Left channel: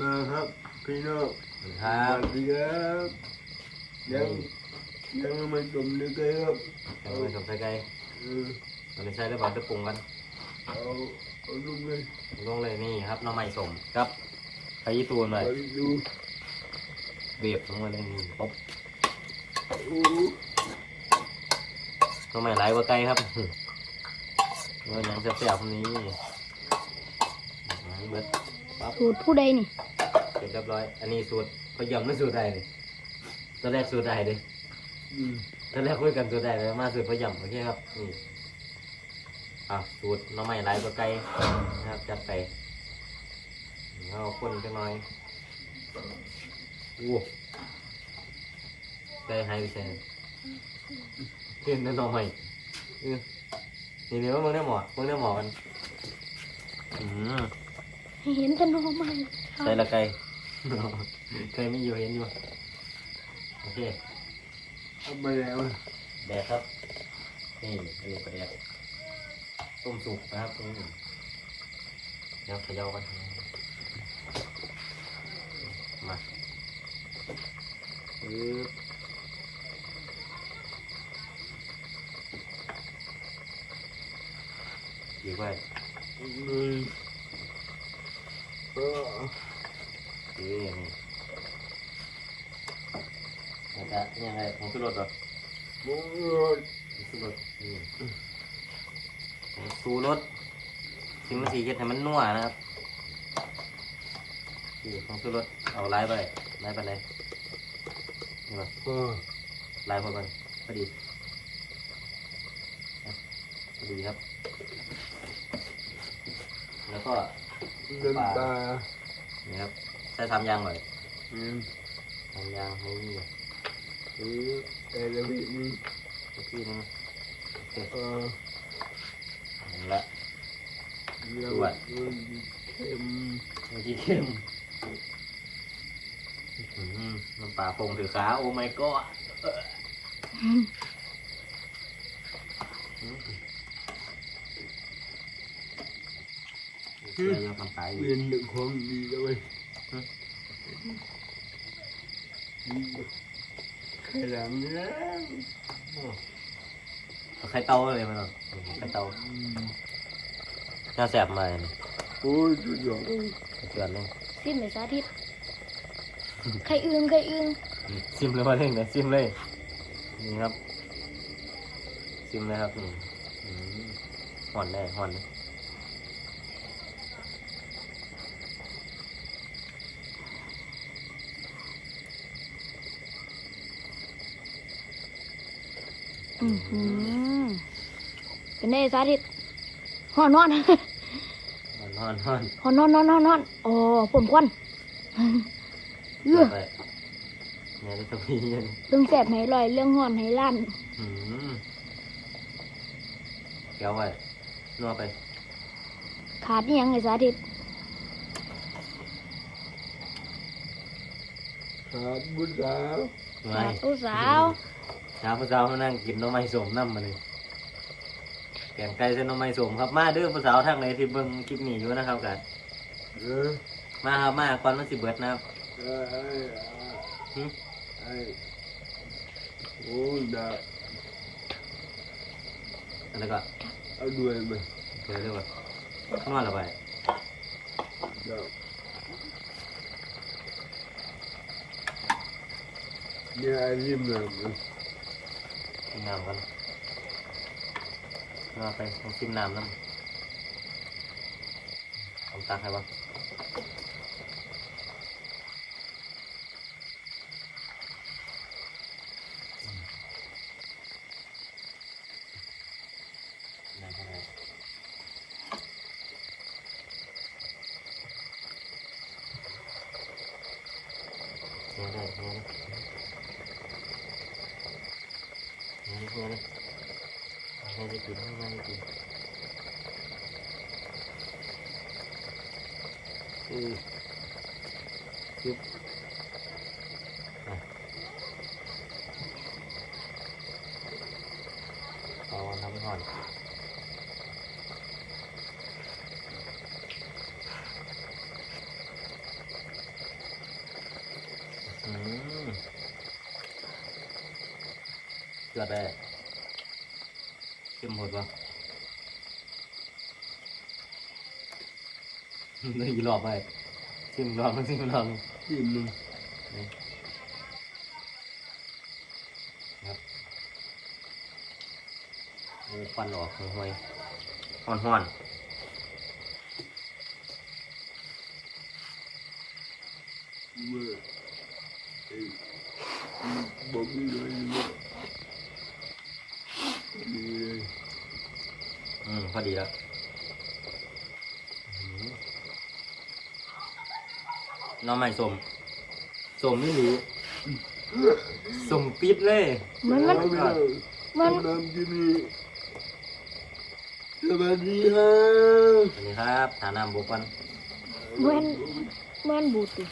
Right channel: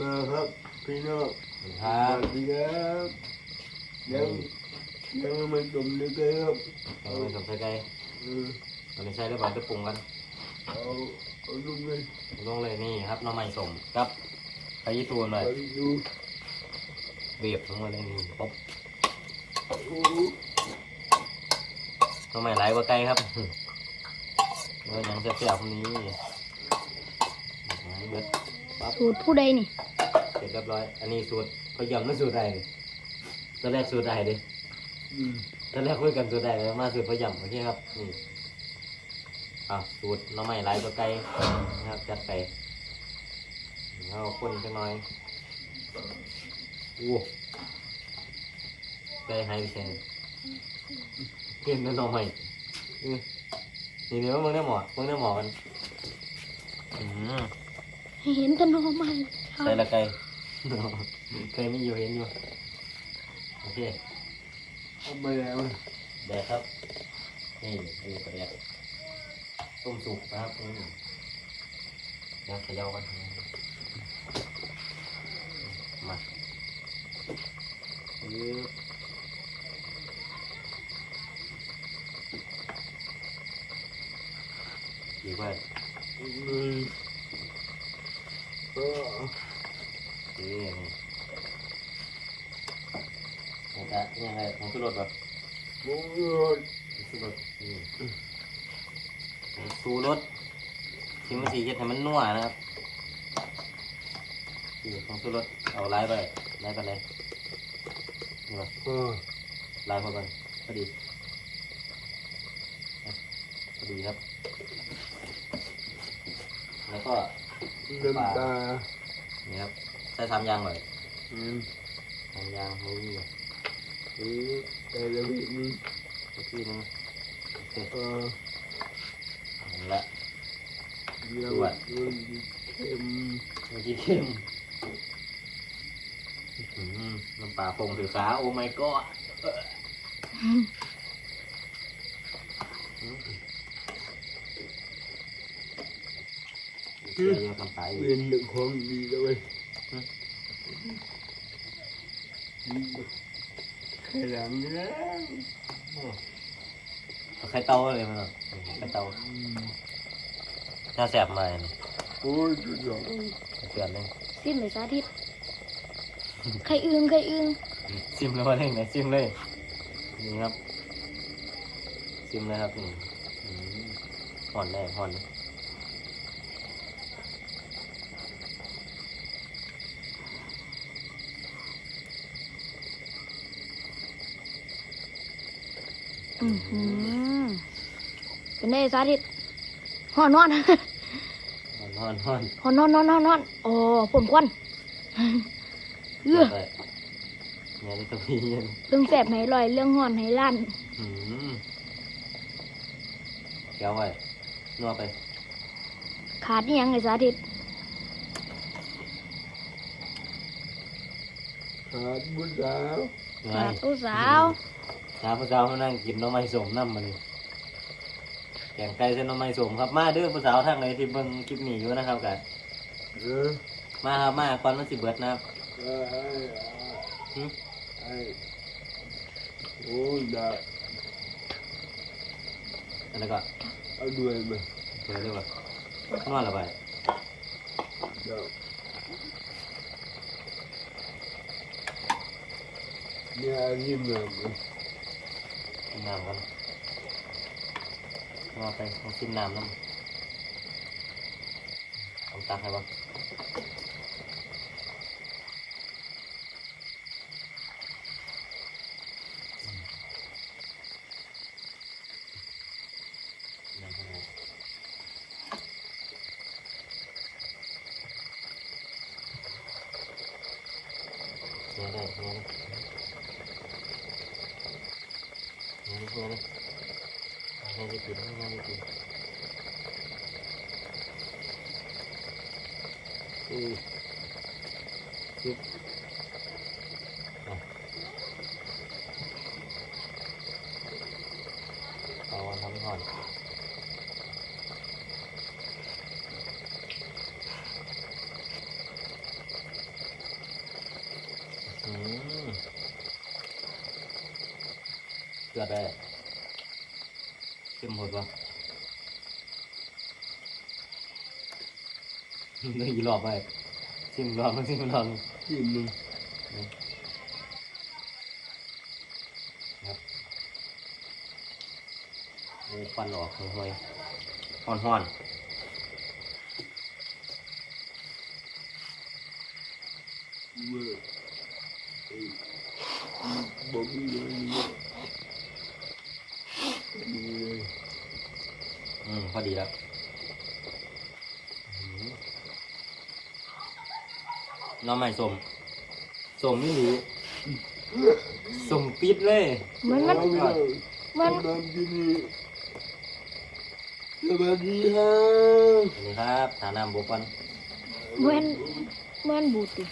มาครับพี่น้องคสรัวับสดีครับยังยังไม่จมเลยครับเดี๋ยวไปสมใส่ไก่เออมันไม่ใช่ด้วยบานตะปุงกันเอาเอาลุงเลยลงเลยนี่ครับน้ำมันสมครับพายุตูนหน่อยไปดูเบียบลงมาเลยนี่ครบโอ้น้ำมันไหลายกว่าไก่ครับมันยังจะแซ่บตรงนี้เบิดสูตรผู้ใดนี่ เสร็จเรียบร้อย อันนี้สูตรพยายามไม่สูตรใดเลยตอนแรกสูตรใดดิอืมตอนแรกคุยกันสูตรใดเลยมาสูตรพยายามโอเคครับนี่อะสูตรน้ำมันไหลายกว่าไก่นะครับจัดไปเราคนจังหน่อยอู้ใจหายไปเช่นเกินน้ำใหม่อือนี่เดี๋ยวมึงได้หมอมึงได้หมอมันอืมให้เห็นแต่หน้องใหม่ครัใส่บละไก่ ไก่ไม่อยู่เห็นอยู่ โอเคต้มไปแล้วแดกครับ นี่เรียกแดกต้มสุกนะครับตรงนี้วขยับกันมาอืออยู่ไว้ อืมเออ ดีอย่างนี้นะจ๊ะนี่ยังไงผมขึ้นรถเหรอโอ้ยผมขึ้นรถนี่ผมสูรถทิมมันสีเฮ็ดให้มันนัวนะครับนี่ผมขึ้นรถเอาไล่ไปไล่ไปเลยนี่วะเออไล่พอกันพอดีพอดีครับ แล้วก็น้ำตานี่ ครับใช้ทำยางหน่อยอืมทำยางนี่เออไปแล้วพี่นี่อีกทีนึงโอเคเออเอาละเดี๋ยวมันเค็มมันจะเข้มอื้อหือมันป่าโป่งถือขาโอ้ my god อืมเชื่อยังคำตายอเปยู่ลี่ยนหนึ่งของดีแล้วเว้ย แค่หลังเนี้ยเอาไข่เต้าเลยมันเนาะไข่เต้าอืมน่าแสบมาเลยโอ้ยสุดยอดเกินเลยสิ้นเลยสาธิตใครอื่นใครอื่นซิมเลยมาเล่นเลยซิมเลยนี่ครับซิมเลยครับนี่อืมห่อนเลยห่อนเลย อือหือเป็นไงสาธิตหอนนอนห่อนห่อนหอนนอนนอนนอนนอนโอ้ผมควันเออไปแม่ได้ตัวพี่เย็นเรื่องแสบให้ลอยเรื่องหอนให้ลั่นอืมแก้วไว้นวดไป ขาดอิหยังไงสาธิตขาดบุญสาวไงขาดผู้สาว เช้าผู้สาวเขานั่งกินหน้องไม้สมน้ำมาเลยแกงไก่เส้นหน้องไม้สมครับมาเด้อผู้สาวทางไหนที่เบิ่งคลิปนี้อยู่นะครับกันเออมาครับมาก่อนมันสิเบิดนะครับเออไอ้หึไอ้โอ้ยดาบอันนั้นก็เอาด้วยไปเดี๋ยวเรียกว่านอนละไปดาบเนี่ยไอ้ริมน้ำมัน กินน้ำกันมาไปมากินน้ำน้ำเอาตักให้วะได้ก็ได้เนี่ยได้เนี่ยได้เนี่ยได้นี่ยได้เนี่ได้กินเนี่ยได้กินอือปึ๊บเอาอันนี้ก่อน อืม เกิดไปเข้มหดวะเลยอีหลอบไปชิมรอบนึงชิมรอบนึงที่มึงโอ้ฟันออกห่วยๆห้อนเมื่อไอ้บอกมึงเลยเนี่ยดีเลย ๆ อืมพอดีแล้วอืมหน้องใหม่สมสมไม่หรือสมปิดเลย มันมันเอาไปเลยมันทำน้ำที่นี่สวัสดีฮะสวัสดีครับฐานะบุกวันเหมือนเหมือนบูดติ